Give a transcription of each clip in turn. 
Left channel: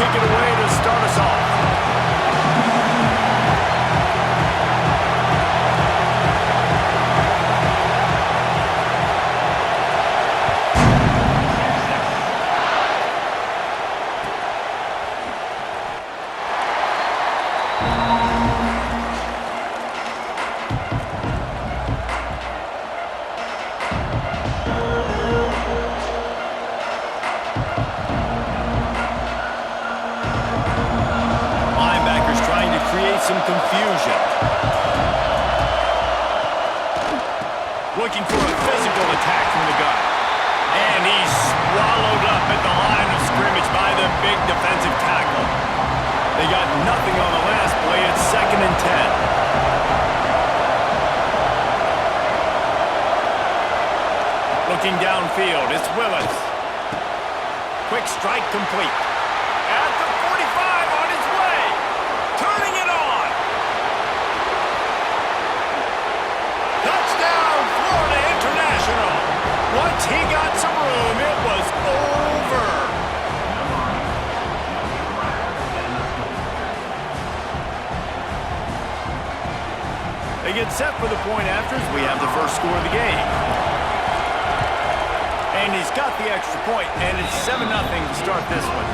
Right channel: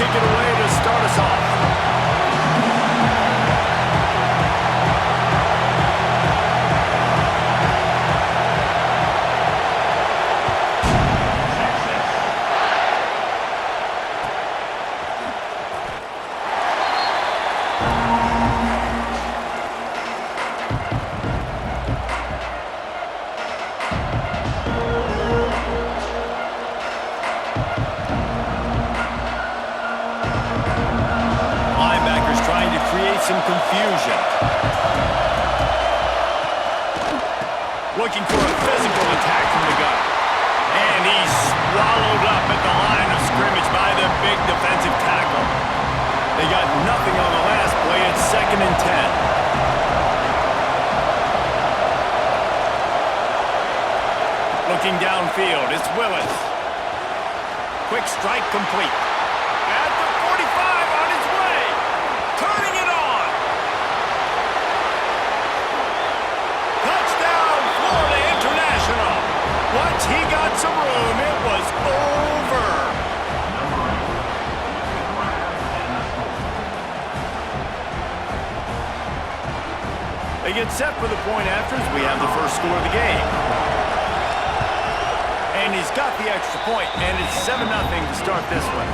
kick it away to start us off. Some confusion. Looking for a physical attack from the gun. And he's swallowed up at the line of scrimmage by the big defensive tackle. They got nothing on the last play. It's 2nd and 10. Looking downfield, it's Willis. Quick strike complete. At the 45 on his way. Turning it on. Touchdown, Florida International. Once he got some room, it was over. They get set for the point after as we have the first score of the game. And he's got the extra point, and it's 7-0 to start this one.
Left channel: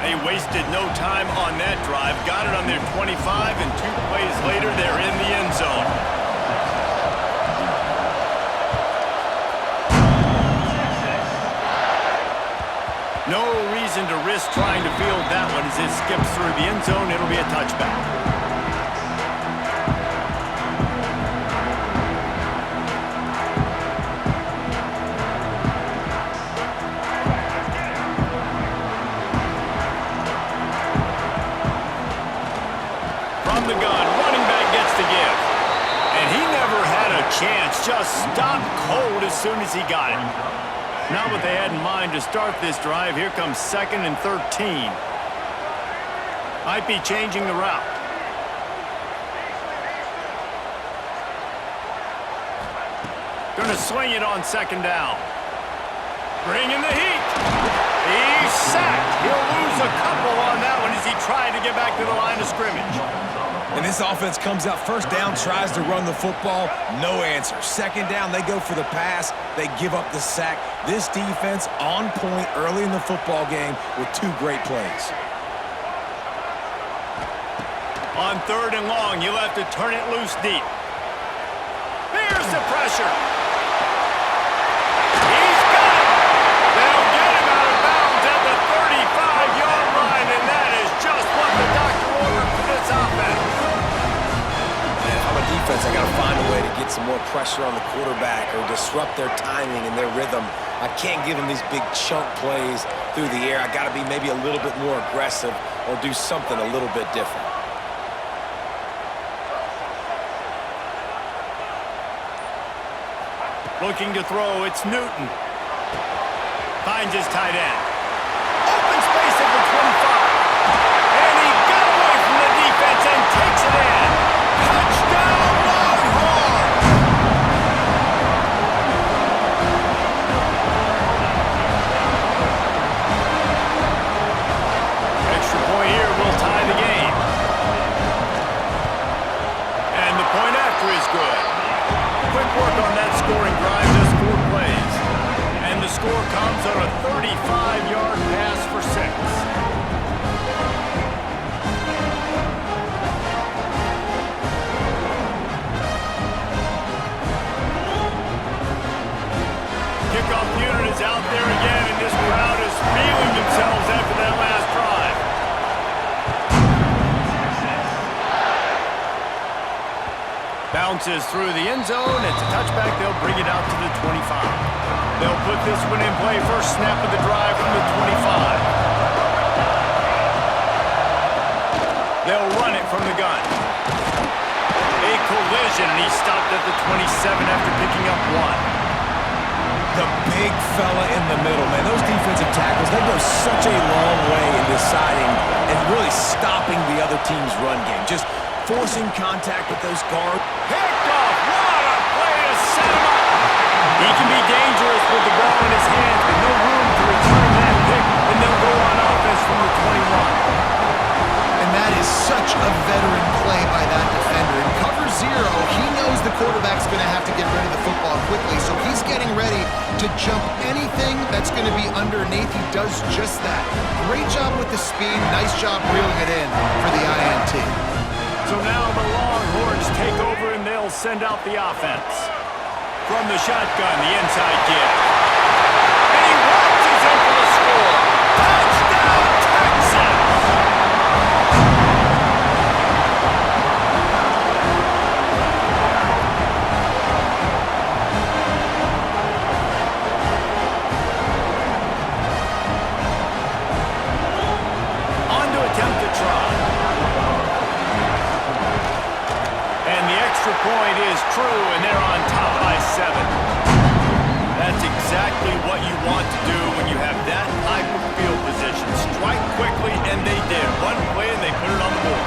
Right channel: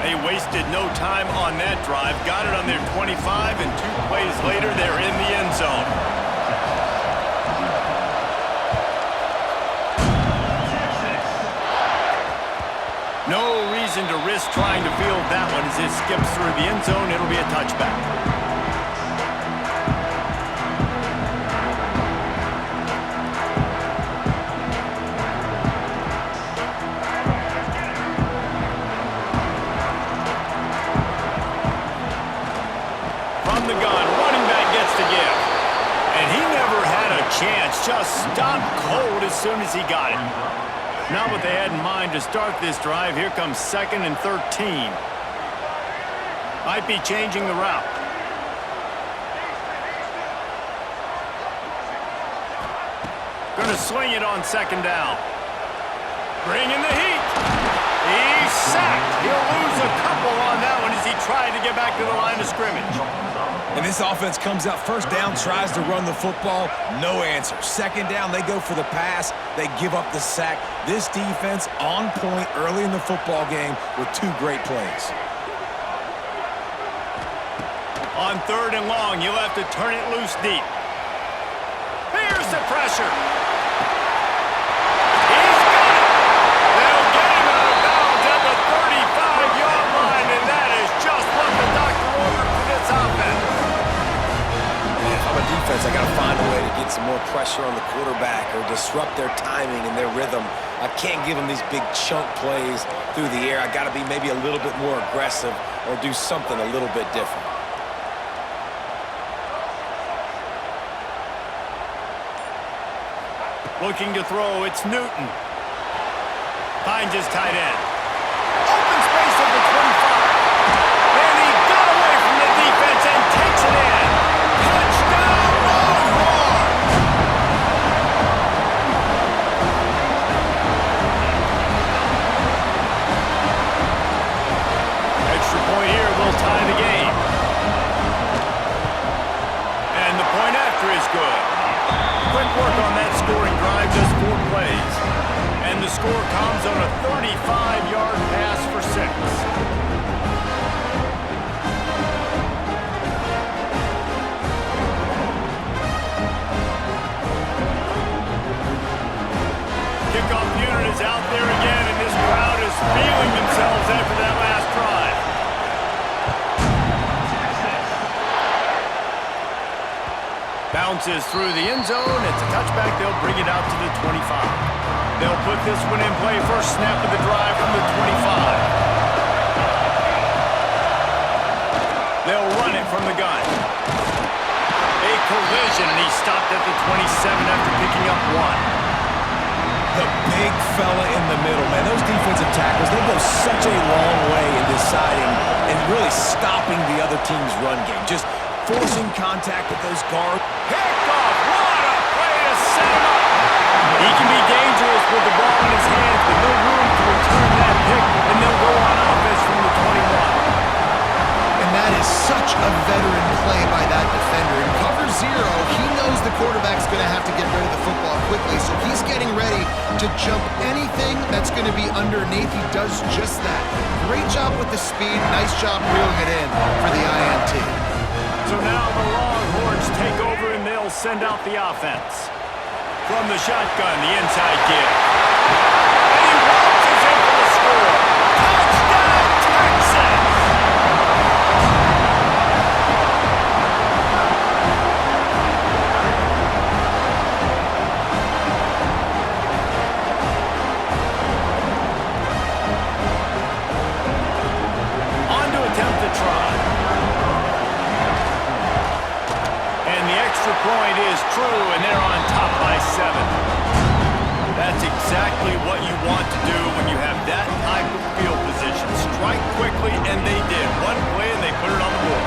They wasted no time on that drive. Got it on their 25, and 2 plays later, they're in the end zone. No reason to risk trying to field that one as it skips through the end zone. It'll be a touchback. From the gun, running back gets the give. And he never had a chance. Just stopped cold as soon as he got it. Not what they had in mind to start this drive. Here comes 2nd and 13. Might be changing the route. Gonna swing it on 2nd down. Bringing the heat. He's sacked. He'll lose a couple on that one as he tried to get back to the line of scrimmage. And this offense comes out 1st down, tries to run the football, no answer. 2nd down, they go for the pass, they give up the sack. This defense on point early in the football game with 2 great plays. On 3rd and long, you'll have to turn it loose deep. Here's the pressure. He's got it. They'll get him out of bounds at the 35-yard line, and that is just what the doctor ordered for this offense. If I'm a defense, I got to find a way to get some more pressure on the quarterback or disrupt their timing and their rhythm. I can't give them these big chunk plays through the air. I got to be maybe a little bit more aggressive or do something a little bit different. Looking to throw, it's Newton. Finds his tight end. Open space at the 25. And he got away from the defense and takes it in. Touchdown, Longhorns! Extra point here will tie the game. And the point after is good. Quick work on that scoring drive, just 4 plays. And the score comes on a 35-yard pass for 6. Kickoff unit is out there again, and this crowd is feeling themselves after that last drive. Bounces through the end zone. It's a touchback. They'll bring it out to the 25. They'll put this one in play. First snap of the drive from the 25. They'll run it from the gun. A collision, and he stopped at the 27 after picking up 1. The big fella in the middle, man. Those defensive tackles, they go such a long way in deciding and really stopping the other team's run game. Just forcing contact with those guards. Picked off. What a play to set him up. He can be dangerous with the ball in his hands, but no room to return that pick, and they'll go on offense from the 21. That is such a veteran play by that defender. In cover zero, he knows the quarterback's going to have to get rid of the football quickly, so he's getting ready to jump anything that's going to be underneath. He does just that. Great job with the speed. Nice job reeling it in for the INT. So now the Longhorns take over and they'll send out the offense. From the shotgun, the inside give. And he waltzes in for the score. Touchdown, Texas! On to attempt the try. And the extra point is true, and they're on top by 7. That's exactly what you want to do when you have that type of field position. Strike quickly, and they did. One play, and they put it on the board.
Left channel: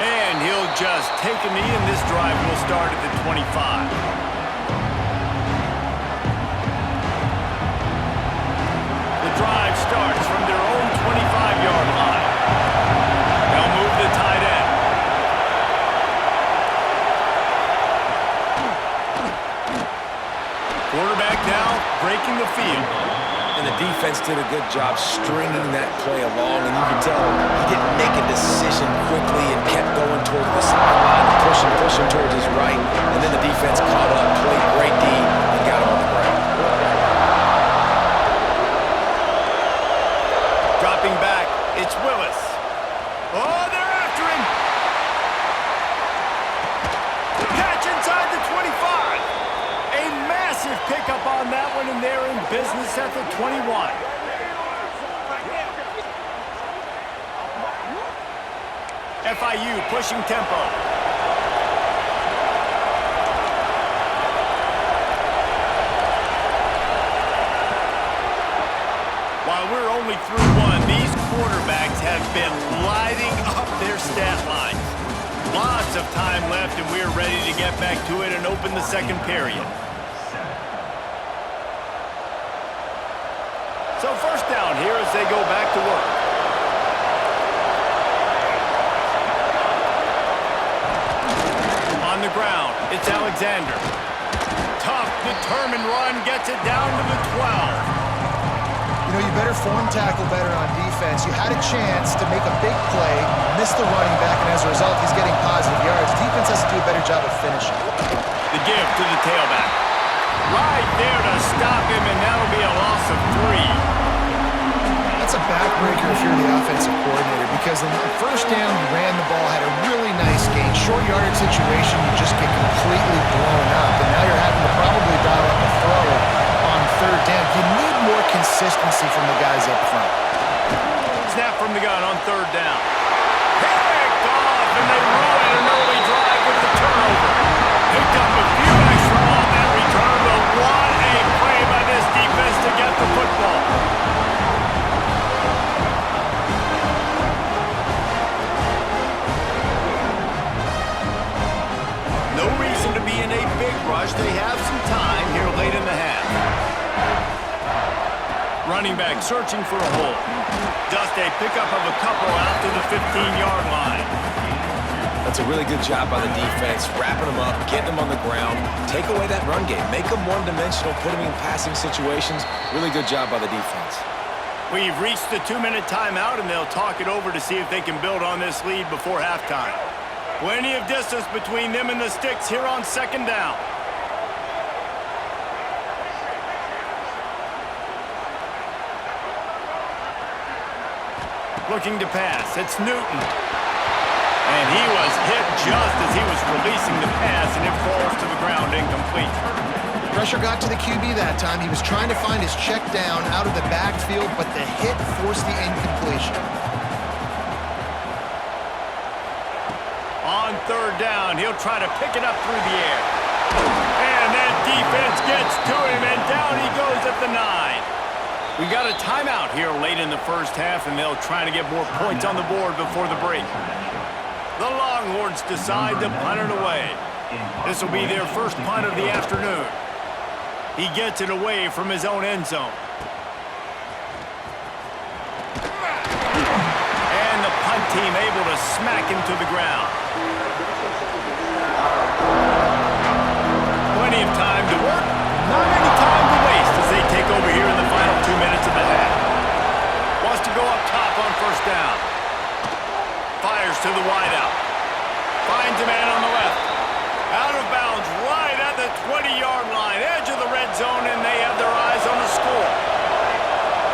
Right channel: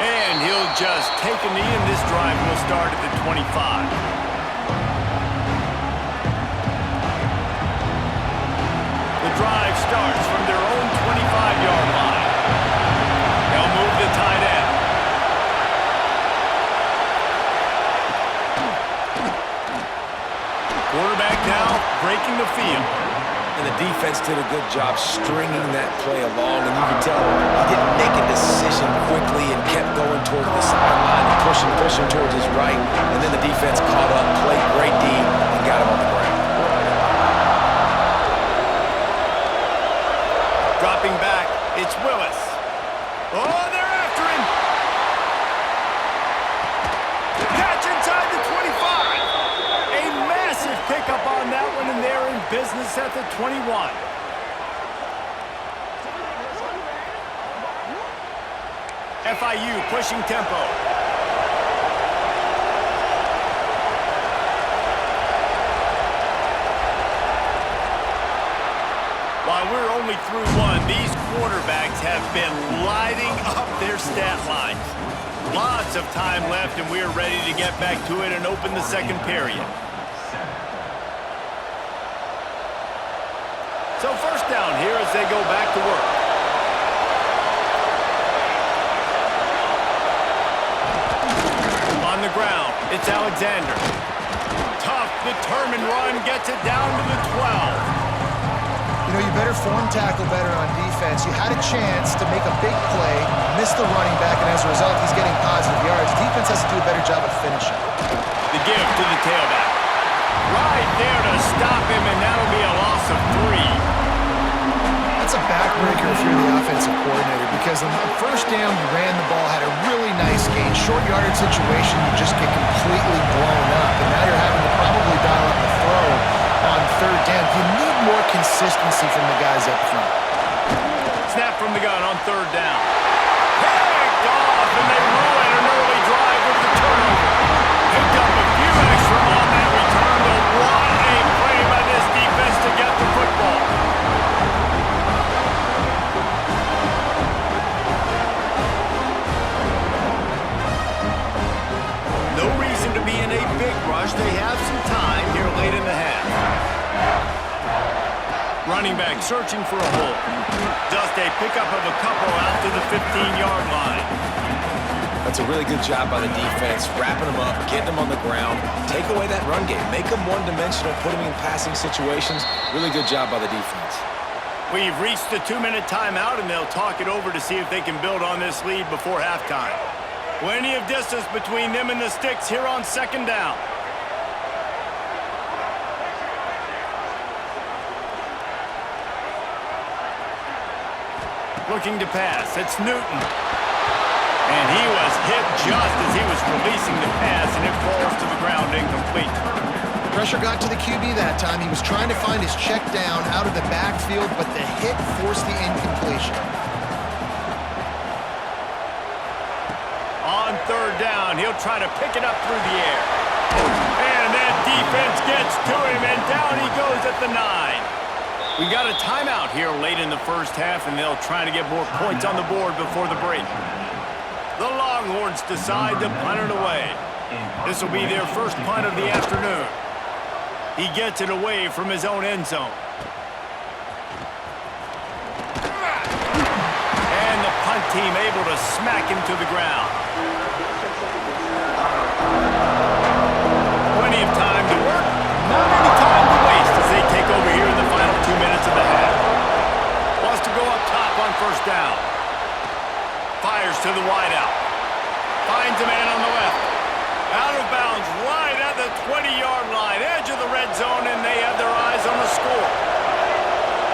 And he'll just take a knee, and this drive will start at the 25. The drive starts from their own 25-yard line. They'll move the tight end. Quarterback now breaking the field. And the defense did a good job stringing that play along, and you can tell he didn't make a decision quickly and kept going towards the sideline and pushing towards his right, and then the defense caught up, played great D, and got him on the ground. Dropping back, it's Willis. Oh, they're after him. Catch inside the 25. A massive pickup on that one, and they're in business at the 21. FIU pushing tempo. While we're only through one, these quarterbacks have been lighting up their stat lines. Lots of time left, and we're ready to get back to it and open the second period. So first down here as they go back to work. On the ground, it's Alexander. Tough, determined run, gets it down to the 12. You know, you better form tackle better on defense. You had a chance to make a big play, miss the running back, and as a result, he's getting positive yards. Defense has to do a better job of finishing. The give to the tailback. Right there to stop him, and that'll be a loss of 3. That's a backbreaker if you're the offensive coordinator, because on the first down, you ran the ball, had a really nice gain. Short yardage situation, you just get completely blown up, and now you're having to probably dial up a throw on third down. You need more consistency from the guys up front. Snap from the gun on third down. Picked off, and they ruin an early drive with the turnover. Picked up a few extra on that return, but what a play by this defense to get the football. No reason to be in a big rush. They have some time here late in the half. Running back searching for a hole. Just a pickup of a couple out to the 15-yard line. That's a really good job by the defense, wrapping them up, getting them on the ground, take away that run game, make them one-dimensional, put them in passing situations. Really good job by the defense. We've reached the 2-minute timeout, and they'll talk it over to see if they can build on this lead before halftime. Plenty of distance between them and the sticks here on second down. Looking to pass, it's Newton. And he was hit just as he was releasing the pass, and it falls to the ground incomplete. Pressure got to the QB that time. He was trying to find his check down out of the backfield, but the hit forced the incompletion. On third down, he'll try to pick it up through the air. And that defense gets to him, and down he goes at the 9. We got a timeout here late in the first half, and they'll try to get more points on the board before the break. The Longhorns decide to punt it away. This will be their first punt of the afternoon. He gets it away from his own end zone. And the punt team able to smack him to the ground. Plenty of time to work, not any time to waste as they take over here in the final 2 minutes of the half. Wants to go up top on first down. Fires to the wideout. Finds a man on the left. Out of bounds right at the 20-yard line, edge of the red zone, and they have their eyes on the score.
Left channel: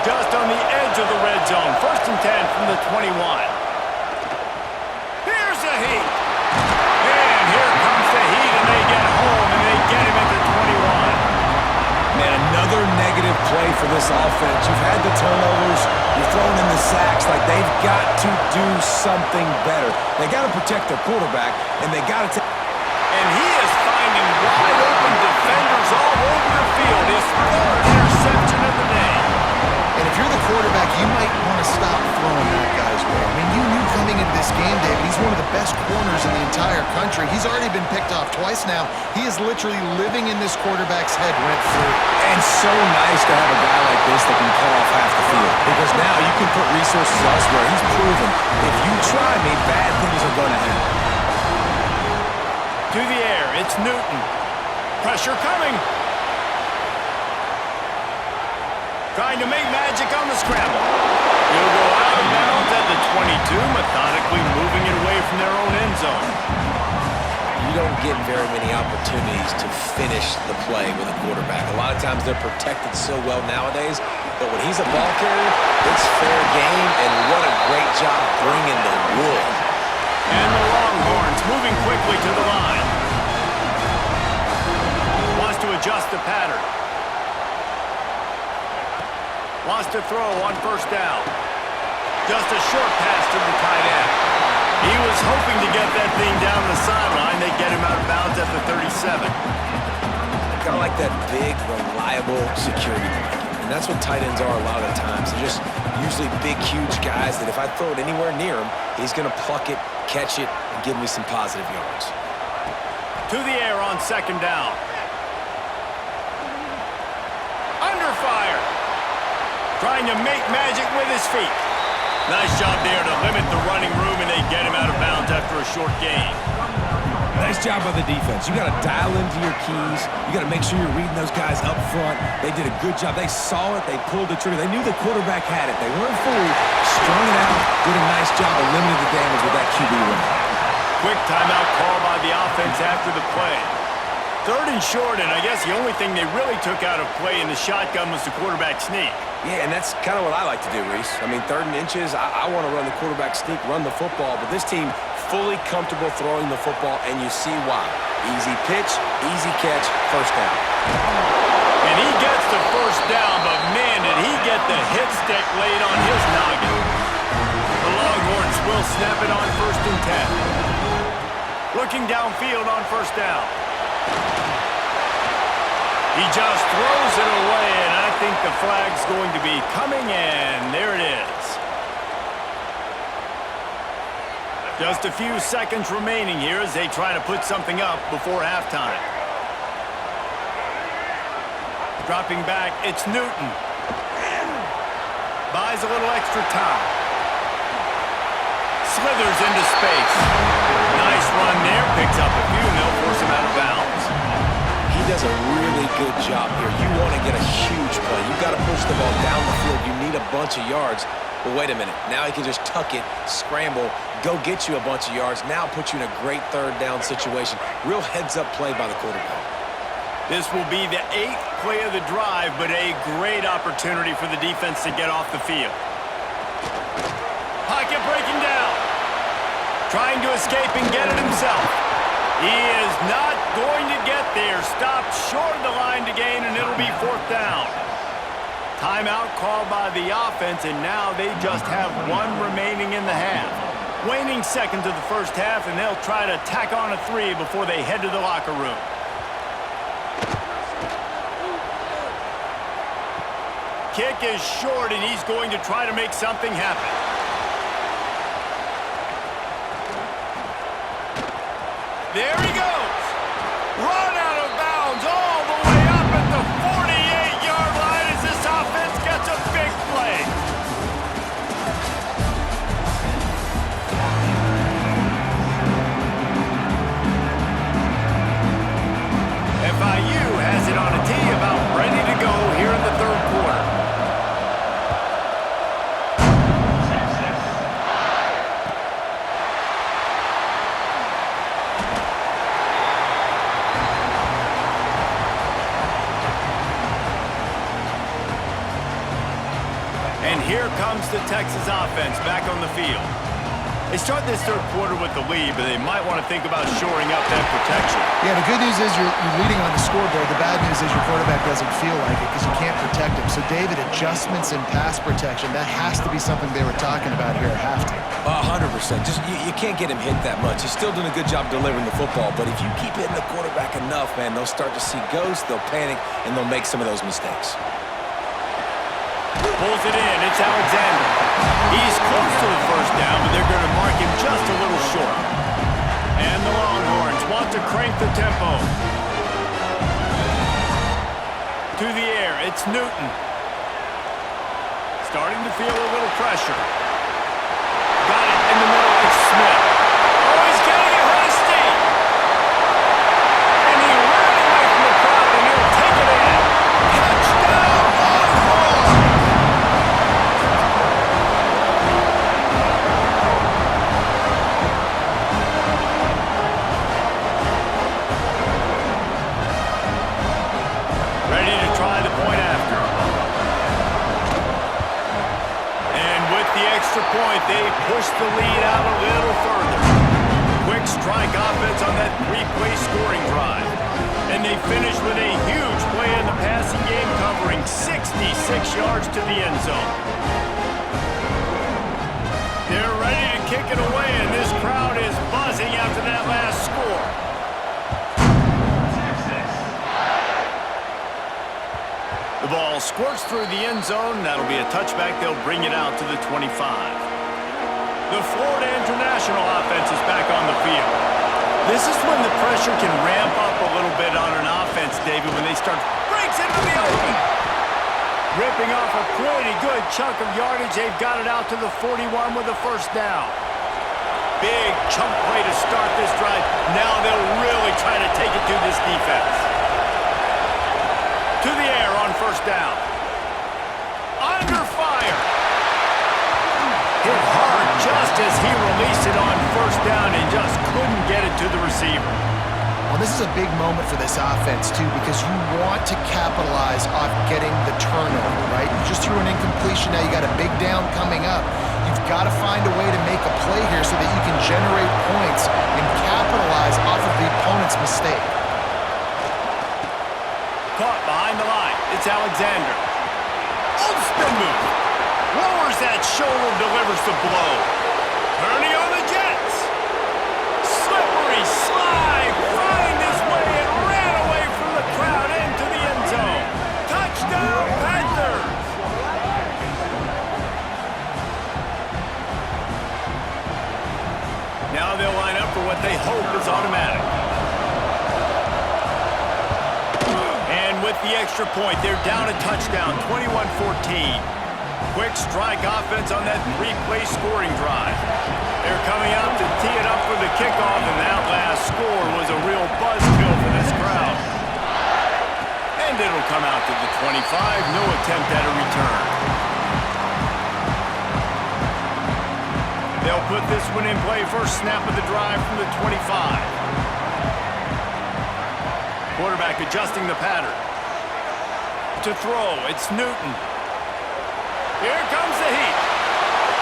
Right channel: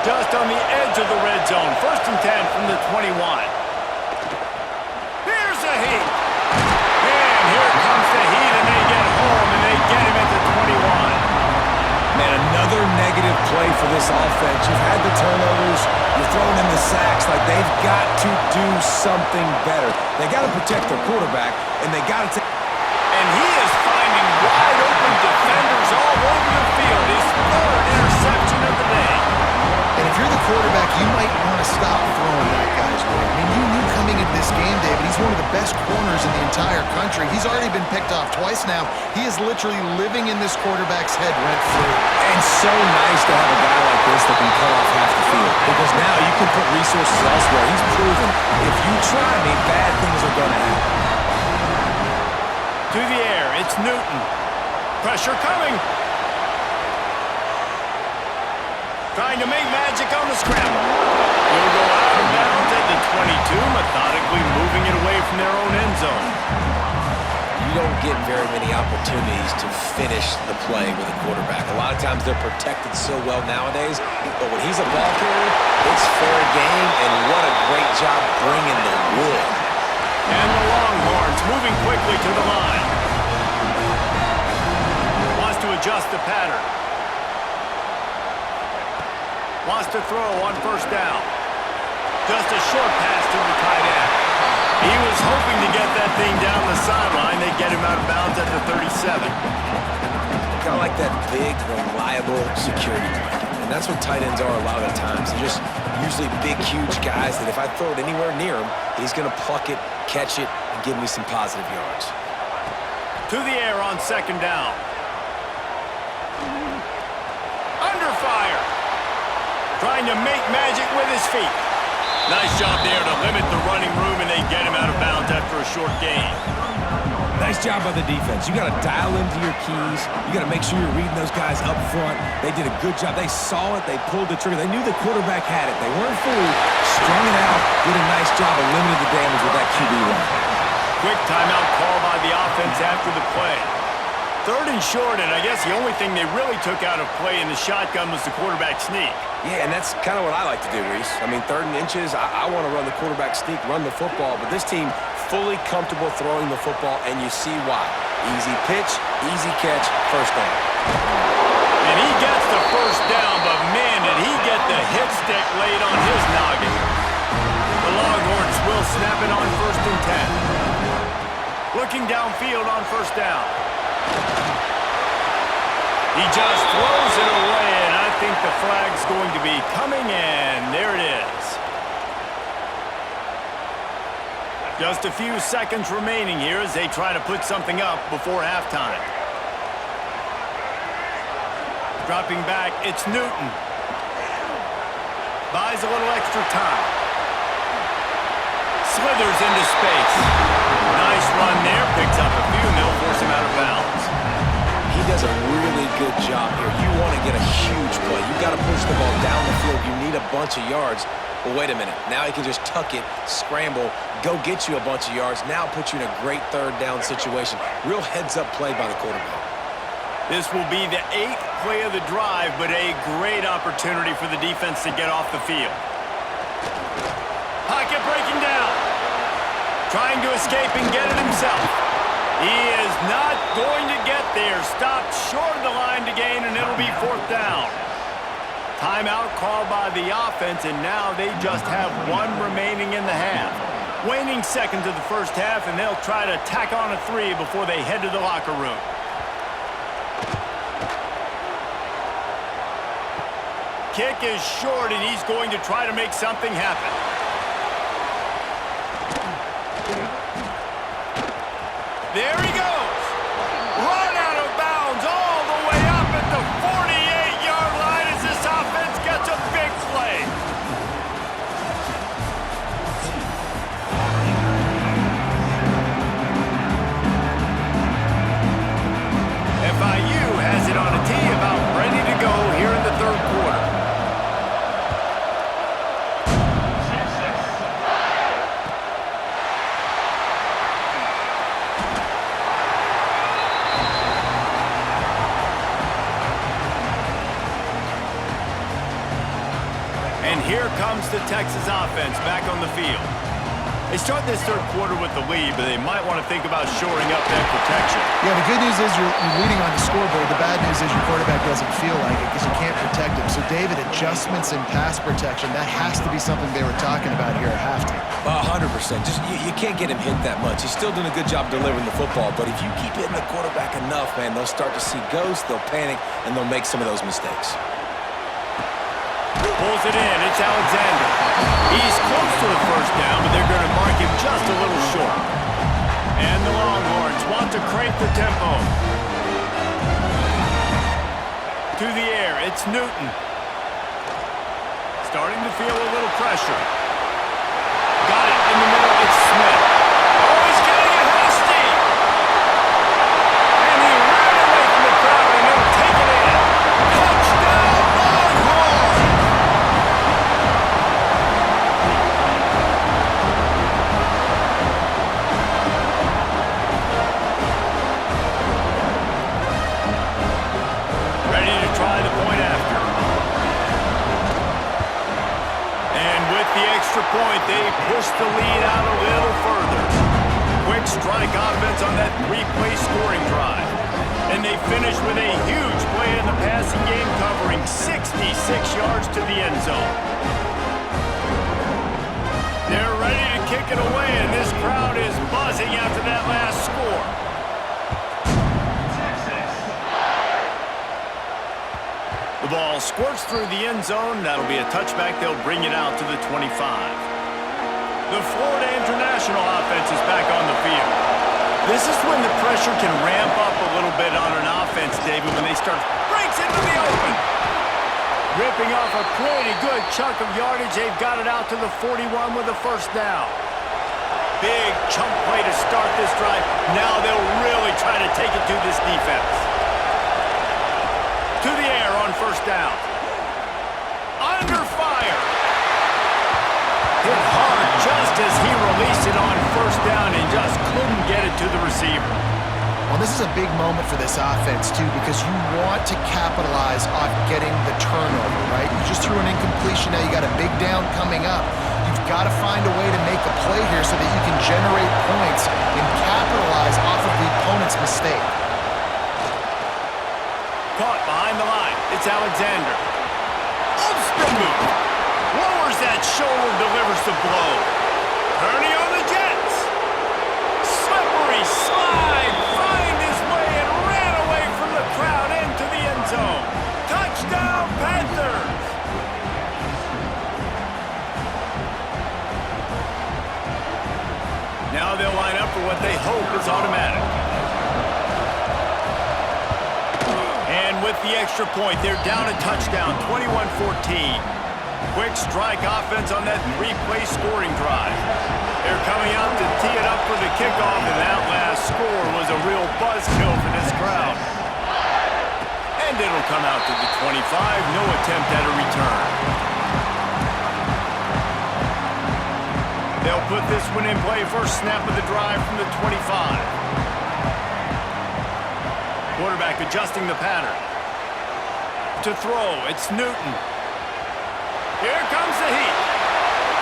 Just on the edge of the red zone, 1st and 10 from the 21. Here's the heat. And here comes the heat, and they get home, and they get him at the 21. Man, another negative play for this offense. You've had the turnovers. You're throwing in the sacks. Like, they've got to do something better. They got to protect their quarterback, and they got to take... And he is finding wide-open defenders all over the field. His 3rd interception of the day. And if you're the quarterback, you might want to stop throwing that guy's way. I mean, you knew coming into this game, David, he's one of the best corners in the entire country. He's already been picked off twice now. He is literally living in this quarterback's head rent-free. And so nice to have a guy like this that can cut off half the field. Because now you can put resources elsewhere. He's proven, if you try me, bad things are going to happen. To the air, it's Newton. Pressure coming. Trying to make magic on the scramble. He'll go out of bounds at the 22, methodically moving it away from their own end zone. You don't get very many opportunities to finish the play with a quarterback. A lot of times they're protected so well nowadays, but when he's a ball carrier, it's fair game, and what a great job bringing the wood. And the Longhorns moving quickly to the line. Wants to adjust the pattern. Wants to throw on first down. Just a short pass to the tight end. He was hoping to get that thing down the sideline. They get him out of bounds at the 37. Kind of like that big, reliable security blanket. And that's what tight ends are a lot of the times. They're just usually big, huge guys that if I throw it anywhere near him, he's going to pluck it, catch it, and give me some positive yards. To the air on 2nd down. Under fire. Trying to make magic with his feet. Nice job there to limit the running room, and they get him out of bounds after a short gain. Nice job by the defense. You got to dial into your keys. You got to make sure you're reading those guys up front. They did a good job. They saw it. They pulled the trigger. They knew the quarterback had it. They weren't fooled. Strung it out. Did a nice job of limiting the damage with that QB run. Quick timeout call by the offense after the play. 3rd and short, and I guess the only thing they really took out of play in the shotgun was the quarterback sneak. Yeah, and that's kind of what I like to do, Reese. I mean, 3rd and inches, I want to run the quarterback sneak, run the football, but this team fully comfortable throwing the football, and you see why. Easy pitch, easy catch, first down. And he gets the first down, but man, did he get the hit stick laid on his noggin. The Longhorns will snap it on 1st and 10. Looking downfield on first down. He just throws it away, and I think the flag's going to be coming, and there it is. Just a few seconds remaining here as they try to put something up before halftime. Dropping back, it's Newton. Buys a little extra time. Slithers into space. Nice run there, picks up a few, and they'll force him out of bounds. He does a really good job here. You want to get a huge play. You got to push the ball down the field. You need a bunch of yards. Well, wait a minute. Now he can just tuck it, scramble, go get you a bunch of yards. Now put you in a great 3rd down situation. Real heads-up play by the quarterback. This will be the 8th play of the drive, but a great opportunity for the defense to get off the field. Pocket breaking down. Trying to escape and get it himself. He is not going to get there. Stopped short of the line to gain, and it'll be 4th down. Timeout called by the offense, and now they just have 1 remaining in the half. Waning seconds of the first half, and they'll try to tack on a 3 before they head to the locker room. Kick is short, and he's going to try to make something happen. There he goes. Run out of bounds all the way up at the here comes the Texas offense back on the field. They start this third quarter with the lead, but they might want to think about shoring up that protection. Yeah, the good news is you're leading on the scoreboard. The bad news is your quarterback doesn't feel like it because you can't protect him. So, David, adjustments in pass protection, that has to be something they were talking about here at halftime. 100%. Just you can't get him hit that much. He's still doing a good job delivering the football, but if you keep hitting the quarterback enough, man, they'll start to see ghosts, they'll panic, and they'll make some of those mistakes. Pulls it in. It's Alexander. He's close to the first down, but they're going to mark him just a little short. And the Longhorns want to crank the tempo. To the air, it's Newton. Starting to feel a little pressure. Got it in the middle, it's Smith. Oh, he's getting ahead of steam. And he ran away from the crowd, and he'll take it in. Touchdown, Longhorns! Ready to try the point after. And with the extra point, they push the lead out a little further. Quick strike offense on that three-play scoring drive. And they finish with a huge play in the passing game, covering 66 yards to the end zone. They're ready to kick it away, and this crowd is buzzing after that last score. The ball squirts through the end zone. That'll be a touchback. They'll bring it out to the 25. The Florida International offense is back on the field. This is when the pressure can ramp up a little bit on an offense, David, when they start breaks into the open. Ripping off a pretty good chunk of yardage. They've got it out to the 41 with a first down. Big chunk play to start this drive. Now they'll really try to take it to this defense. To the air on first down. Under fire. Hit hard just as he released it on first down and just couldn't get it to the receiver. Well, this is a big moment for this offense, too, because you want to capitalize off getting the turnover, right? You just threw an incompletion. Now you got a big down coming up. You've got to find a way to make a play here so that you can generate points and capitalize off of the opponent's mistake. Caught behind the line. It's Alexander. Oh, spin move. Lowers that shoulder, delivers the blow. Turning on the Jets. Slippery slide. Find his way and ran away from the crowd into the end zone. Touchdown, Panthers. Now they'll line up for what they hope is automatic. And with the extra point, they're down a touchdown, 21-14. Quick strike offense on that three-play scoring drive. They're coming out to tee it up for the kickoff, and that last score was a real buzzkill for this crowd. And it'll come out to the 25, no attempt at a return. They'll put this one in play, first snap of the drive from the 25. Quarterback adjusting the pattern. To throw, it's Newton. Here comes the heat.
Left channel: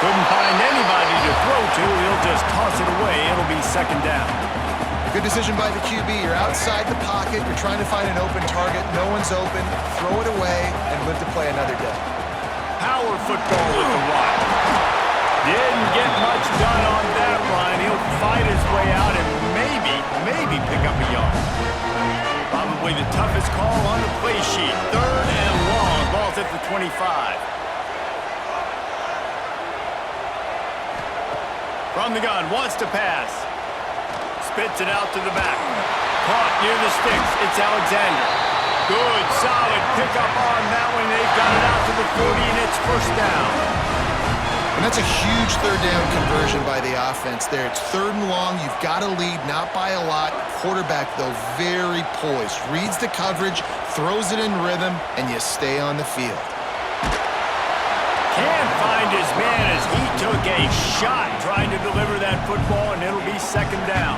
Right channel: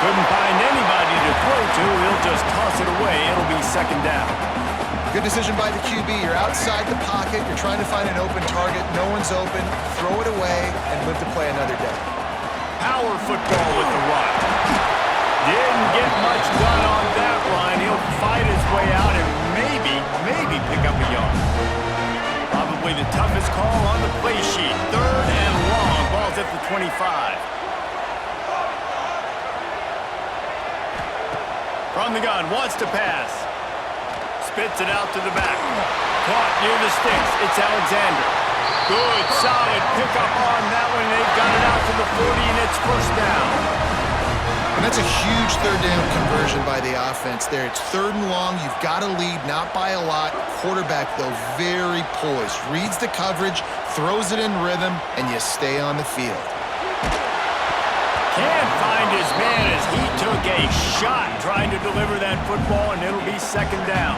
Couldn't find anybody to throw to. He'll just toss it away. It'll be second down. Good decision by the QB. You're outside the pocket. You're trying to find an open target. No one's open. Throw it away and live to play another day. Power football with the run. Didn't get much done on that run. He'll fight his way out and maybe pick up a yard. Probably the toughest call on the play sheet. Third and long. Ball's at the 25. From the gun, wants to pass. Spits it out to the back. Caught near the sticks. It's Alexander. Good, solid pickup on that one. They've got it out to the 40, and it's first down. And that's a huge third down conversion by the offense there. It's third and long. You've got to lead, not by a lot. Quarterback, though, very poised. Reads the coverage, throws it in rhythm, and you stay on the field. Can't find his man as he took a shot trying to deliver that football, and it'll be second down.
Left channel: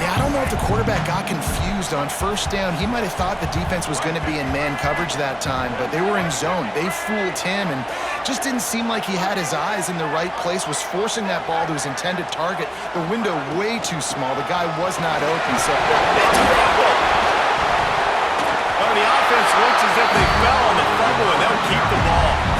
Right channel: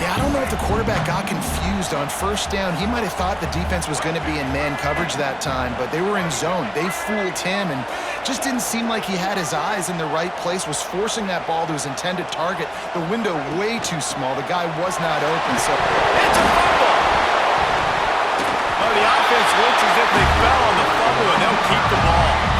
Yeah, I don't know if the quarterback got confused on first down. He might have thought the defense was going to be in man coverage that time, but they were in zone. They fooled him and just didn't seem like he had his eyes in the right place, was forcing that ball to his intended target. The window way too small. The guy was not open, so... It's a fumble! Well, the offense looks as if they fell on the fumble, and they'll keep the ball.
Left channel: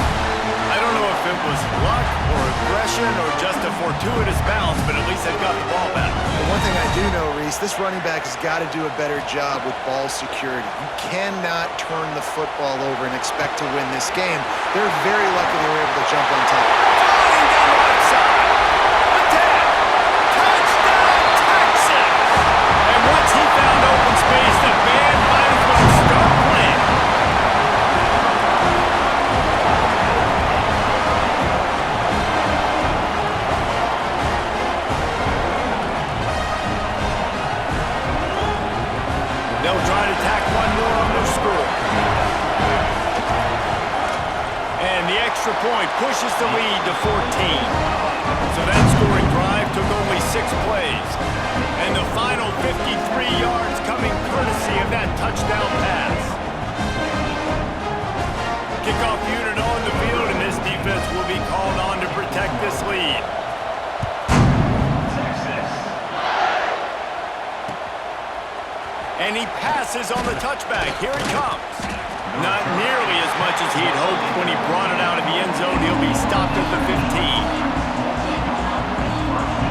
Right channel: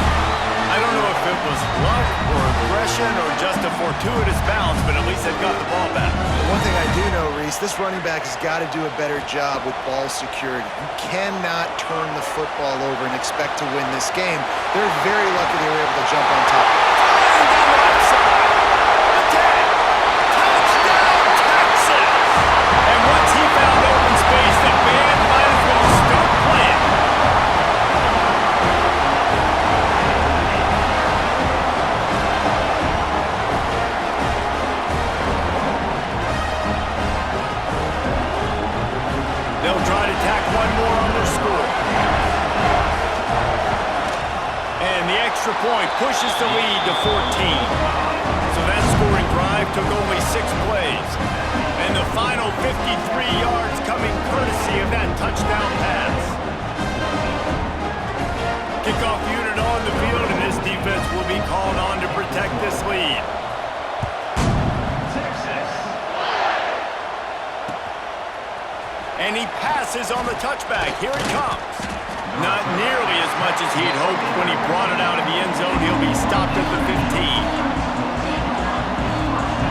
I don't know if it was luck or aggression or just a fortuitous bounce, but at least they've got the ball back. But one thing I do know, Reese, this running back has got to do a better job with ball security. You cannot turn the football over and expect to win this game. They're very lucky they were able to jump on top. Flying down the left side. The 10. Touchdown, Texas! And once he found open space, the band might as well start playing. They'll try to tack one more on their score. And the extra point pushes the lead to 14. So that scoring drive took only 6 plays. And the final 53 yards coming courtesy of that touchdown pass. Kickoff unit on the field, and this defense will be called on to protect this lead. And he passes on the touchback. Here he comes. Not nearly as much as he'd hoped when he brought it out of the end zone. He'll be stopped at the 15.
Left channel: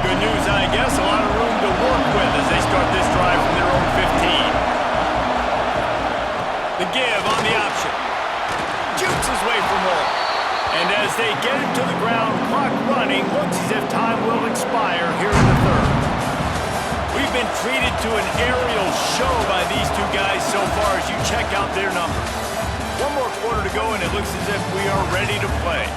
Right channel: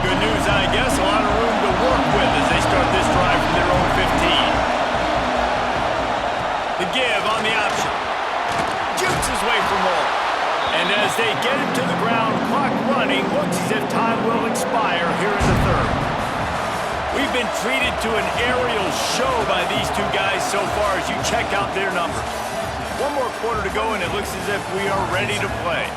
Good news, I guess. A lot of room to work with as they start this drive from their own 15. The give on the option. Jukes his way for more. And as they get him to the ground, clock running, looks as if time will expire here in the third. We've been treated to an aerial show by these two guys so far as you check out their numbers. One more quarter to go, and it looks as if we are ready to play.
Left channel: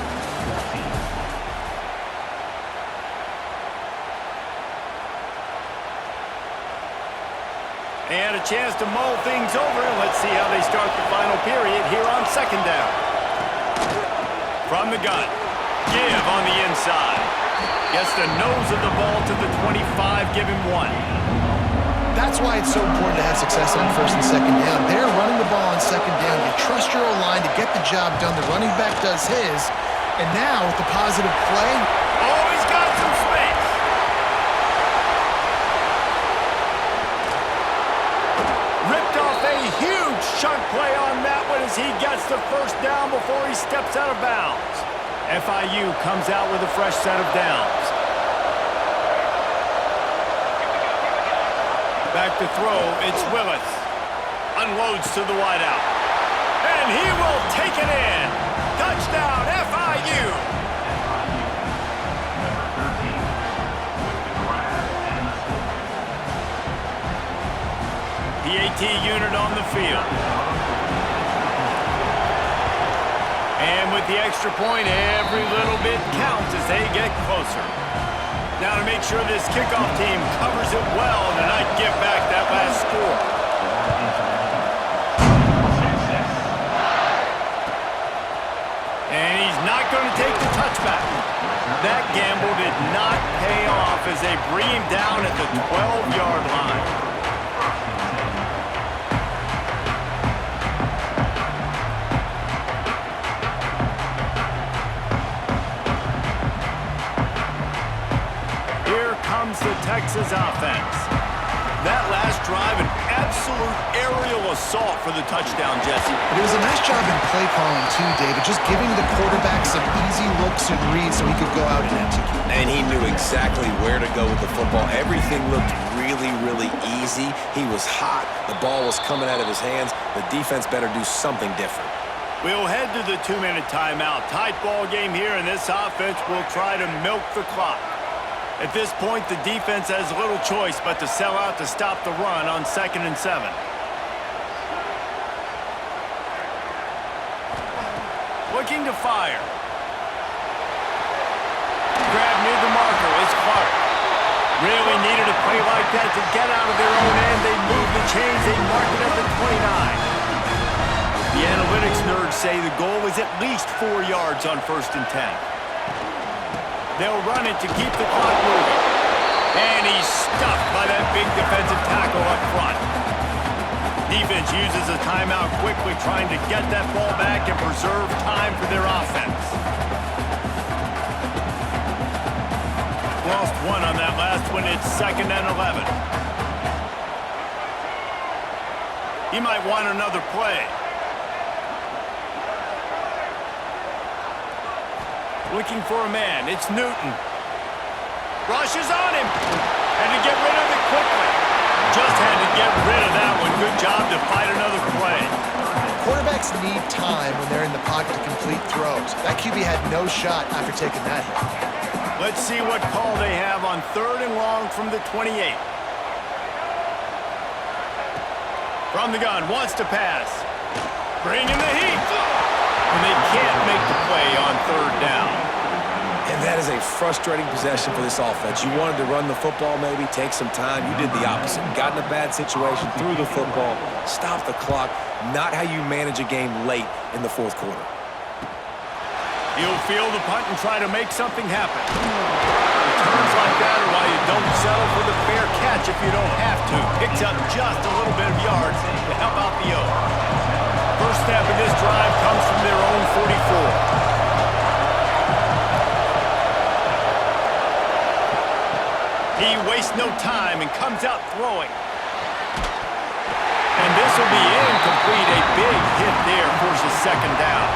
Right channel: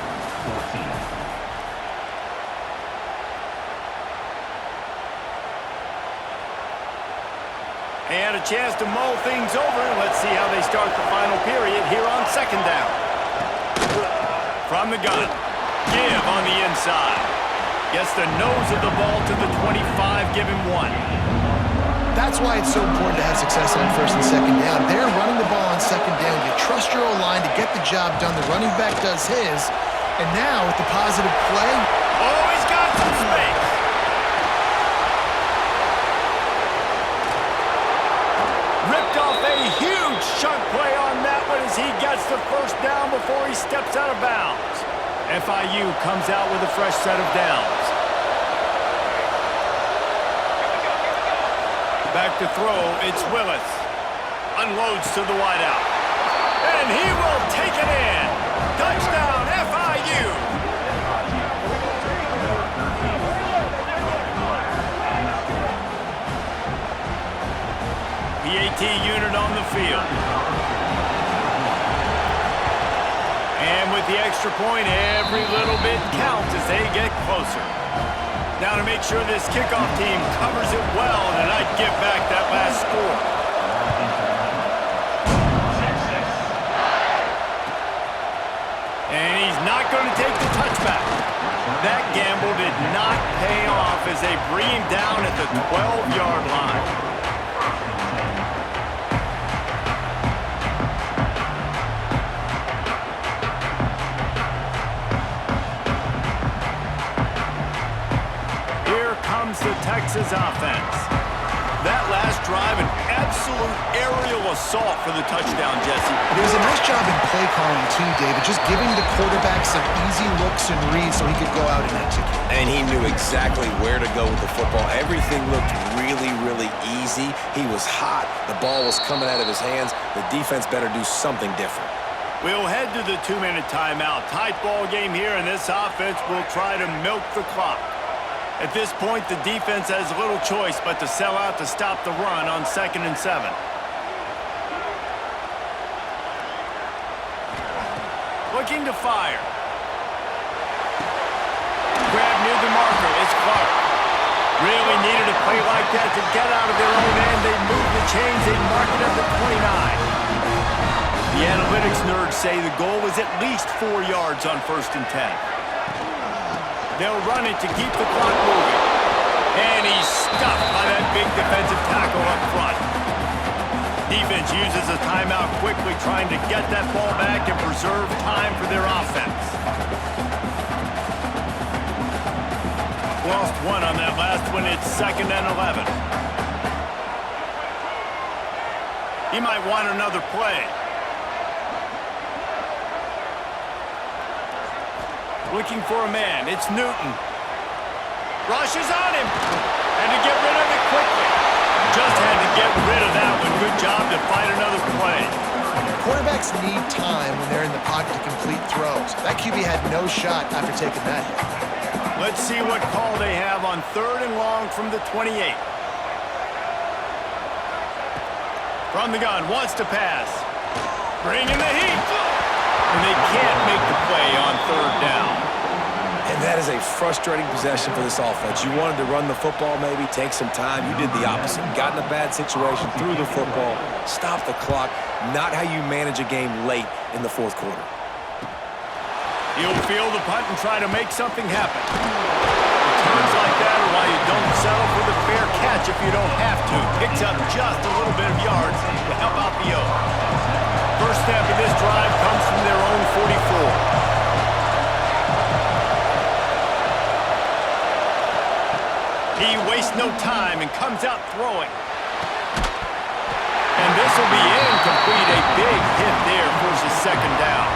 And a chance to mull things over. Let's see how they start the final period here on second down. From the gun, give on the inside. Gets the nose of the ball to the 25, give him 1. That's why it's so important to have success on first and second down. They're running the ball on second down. You trust your O-line to get the job done. The running back does his. And now with the positive play... Oh, he's got some space. Ripped off a huge chunk play on that one as he gets the first down before he steps out of bounds. FIU comes out with a fresh set of downs. Back to throw, it's Willis. Unloads to the wideout. And he will take it in. Touchdown, FIU. PAT unit on the field. And with the extra point, every little bit counts as they get closer. Now to make sure this kickoff team covers it well and not give back that last score. And he's not going to take the touchback. That gamble did not pay off as they bring him down at the 12-yard line. The Texas offense. That last drive, an absolute aerial assault for the touchdown, Jesse. But it was a nice job in play calling too, David, just giving the quarterback some easy looks and reads so he could go out and execute. And he knew exactly where to go with the football. Everything looked really, really easy. He was hot. The ball was coming out of his hands. The defense better do something different. We'll head to the 2-minute timeout. Tight ball game here, and this offense will try to milk the clock. At this point, the defense has little choice but to sell out to stop the run on 2nd and 7. Looking to fire. Grab near the marker. It's Clark. Really needed a play like that to get out of their own end. They move the chains. They mark it at the 29. The analytics nerds say the goal is at least 4 yards on 1st and 10. They'll run it to keep the clock moving. And he's stuffed by that big defensive tackle up front. Defense uses a timeout quickly, trying to get that ball back and preserve time for their offense. Lost one on that last one. It's 2nd and 11. He might want another play. Looking for a man. It's Newton. Rushes on him. And to get rid of it quickly. Just had to get rid of that one. Good job to fight another play. Quarterbacks need time when they're in the pocket to complete throws. That QB had no shot after taking that hit. Let's see what call they have on 3rd and long from the 28. From the gun, wants to pass. Bringing the heat. And they can't make the play on 3rd down. And that is a frustrating possession for this offense. You wanted to run the football, maybe take some time. You did the opposite. Got in a bad situation, threw the football, stopped the clock. Not how you manage a game late in the 4th quarter. He'll field the punt and try to make something happen. Returns like that are why you don't settle for the fair catch if you don't have to. Picks up just a little bit of yards to help out the O. First step of this drive comes from their own 44. He wastes no time and comes out throwing. And this will be incomplete. A big hit there forces 2nd down.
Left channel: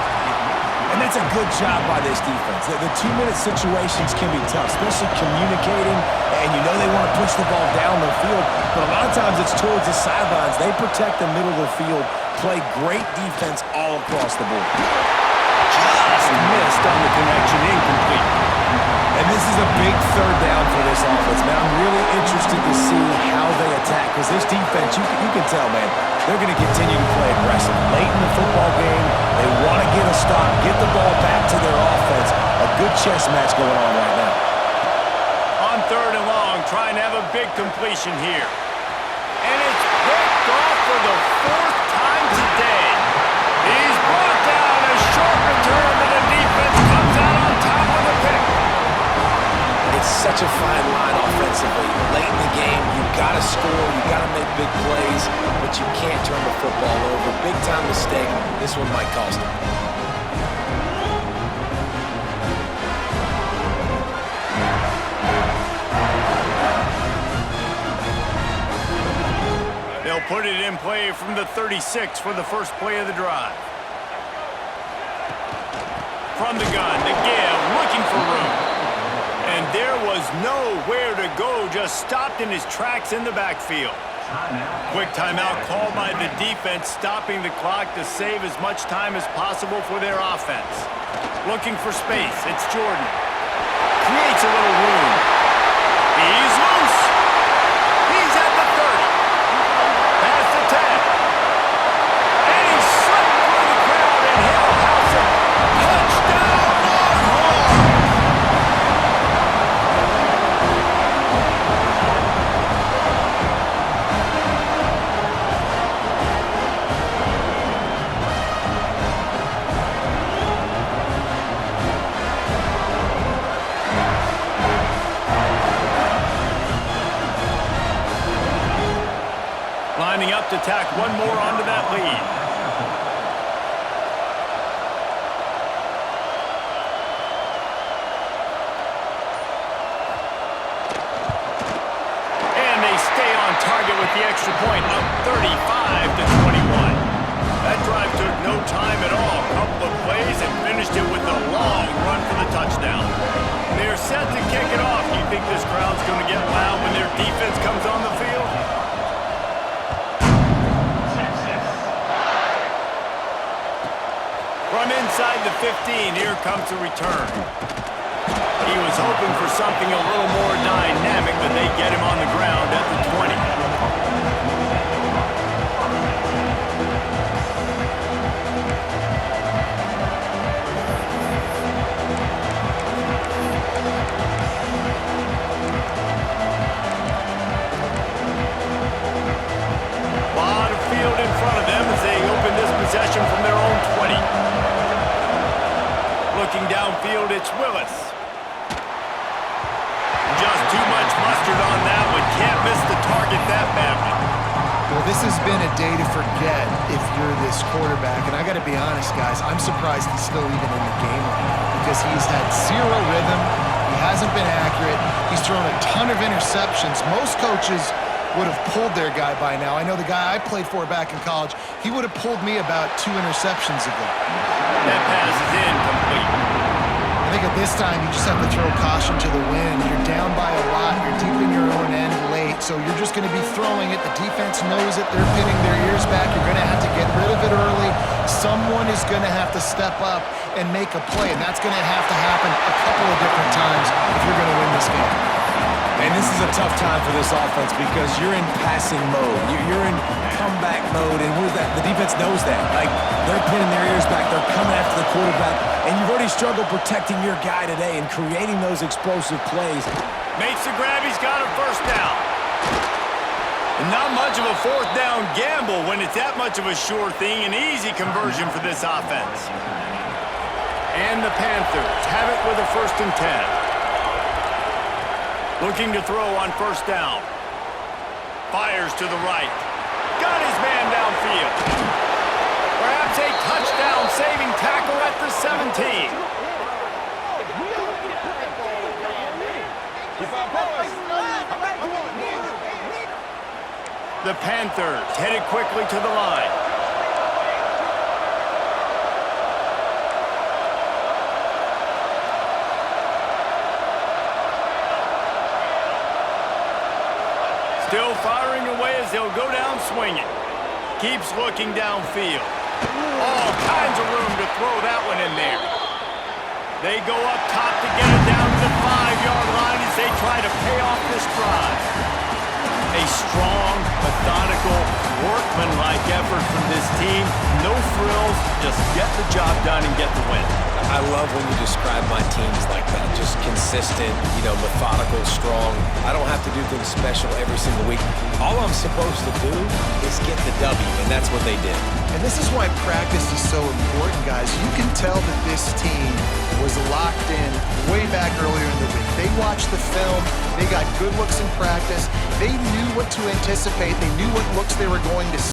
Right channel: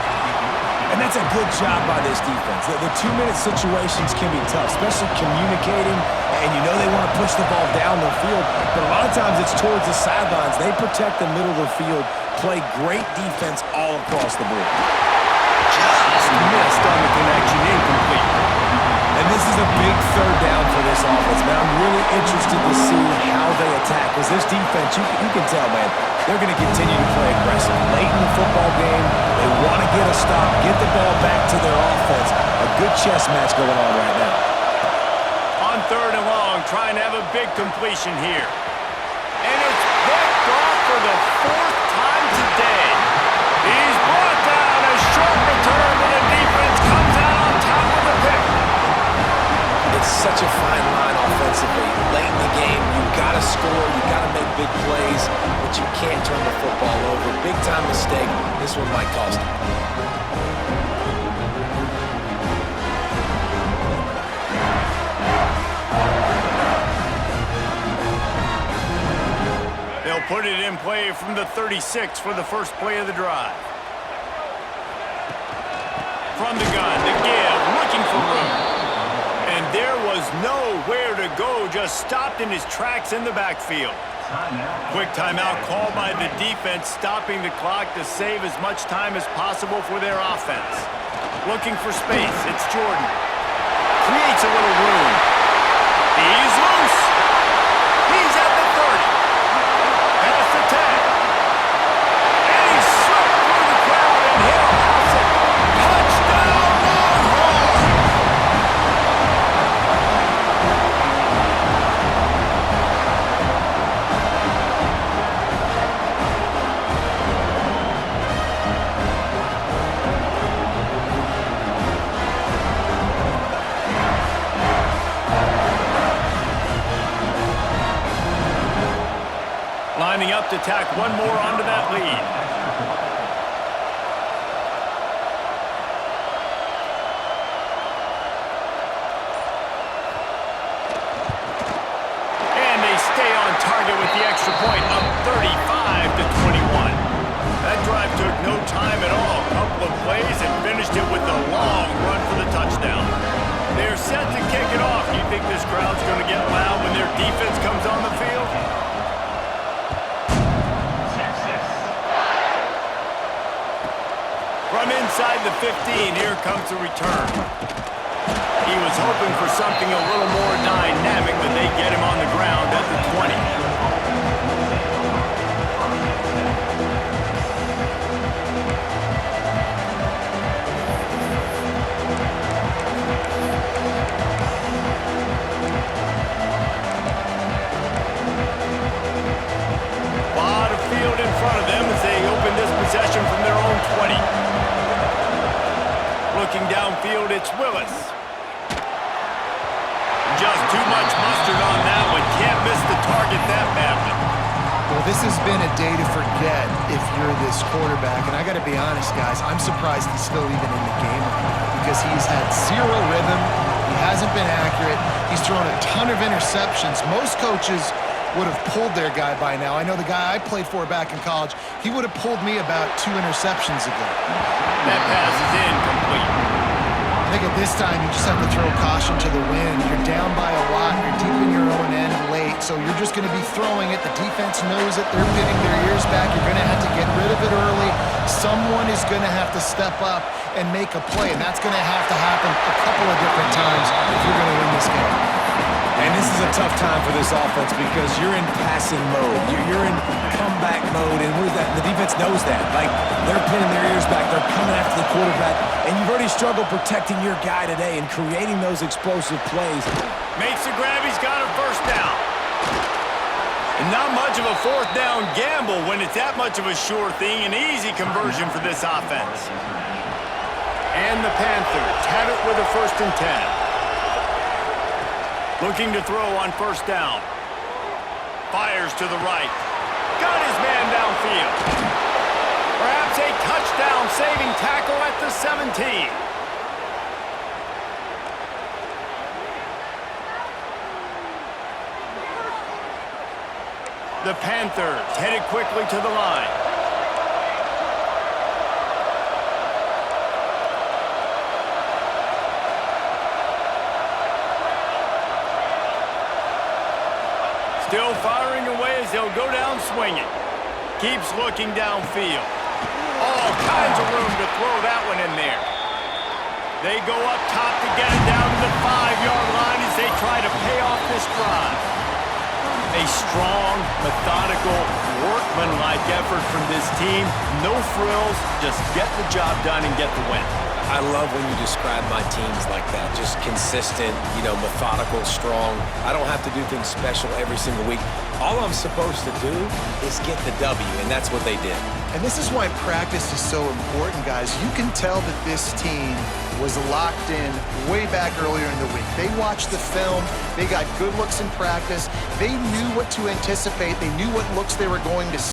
And that's a good job by this defense. The 2-minute situations can be tough, especially communicating, and you know they want to push the ball down the field, but a lot of times it's towards the sidelines. They protect the middle of the field, play great defense all across the board. Just missed on the connection, incomplete. And this is a big 3rd down for this offense, man. I'm really interested to see how they attack, because this defense, you can tell, man, they're going to continue to play aggressive. Late in the football game, they want to get a stop, get the ball back to their offense. A good chess match going on right now. On 3rd and long, trying to have a big completion here. And it's picked off for the 4th time today. He's brought down. A short return, but the defense comes out on top with a pick. It's such a fine line offensively. Late in the game, you got to score, you got to make big plays, but you can't turn the football over. Big-time mistake. This one might cost them. They'll put it in play from the 36 for the first play of the drive. From the gun, to give, looking for room. And there was nowhere to go, just stopped in his tracks in the backfield. Quick timeout called by the defense, stopping the clock to save as much time as possible for their offense. Looking for space, it's Jordan. Creates a little room. He's loose. He's at the 30. Past the 10. And he slipped through the crowd, and he'll house it. Touchdown, Longhorns! Lining up to tack one more onto that lead. And they stay on target with the extra point, up 35-21. That drive took no time at all. Couple of plays and finished it with a long run for the touchdown. They're set to kick it off. Do you think this crowd's going to get loud when their defense comes on the field? From inside the 15, here comes the return. He was hoping for something a little more dynamic, but they get him on the ground at the 20. Lot of field in front of them as they open this possession from their own 20. Looking downfield, it's Willis. just too much mustard on that one. Can't miss the target that badly. Well, this has been a day to forget if you're this quarterback. And I got to be honest, guys, I'm surprised he's still even in the game right now because he's had zero rhythm. He hasn't been accurate. He's thrown a ton of interceptions. Most coaches would have pulled their guy by now. I know the guy I played for back in college, he would have pulled me about 2 interceptions ago. That pass is incomplete. I think at this time, you just have to throw caution to the wind. You're down by a lot. You're deep in your own end late, so you're just going to be throwing it. The defense knows it. They're pinning their ears back. You're going to have to get rid of it early. Someone is going to have to step up and make a play, and that's going to have to happen a couple of different times if you're going to win this game. And this is a tough time for this offense because you're in passing mode. You're in comeback mode, and what is that? The defense knows that. Like, they're pinning their ears back. They're coming after the quarterback, and you've already struggled protecting your guy today and creating those explosive plays. Makes the grab. He's got a first down. And not much of a fourth down gamble when it's that much of a sure thing. An easy conversion for this offense. And the Panthers have it with a 1st and 10. Looking to throw on first down. Fires to the right. Got his man downfield. Perhaps a touchdown-saving tackle at the 17. The Panthers headed quickly to the line. Still firing away as they'll go down swinging. Keeps looking downfield. All kinds of room to throw that one in there. They go up top to get it down to the 5-yard line as they try to pay off this drive. A strong, methodical, workmanlike effort from this team. No frills, just get the job done and get the win. I love when you describe my teams like that. Just consistent, methodical, strong. I don't have to do things special every single week. All I'm supposed to do is get the W, and that's what they did. And this is why practice is so important, guys. You can tell that this team was locked in way back earlier in the week. They watched the film. They got good looks in practice. They knew what to anticipate. They knew what looks they were going to see.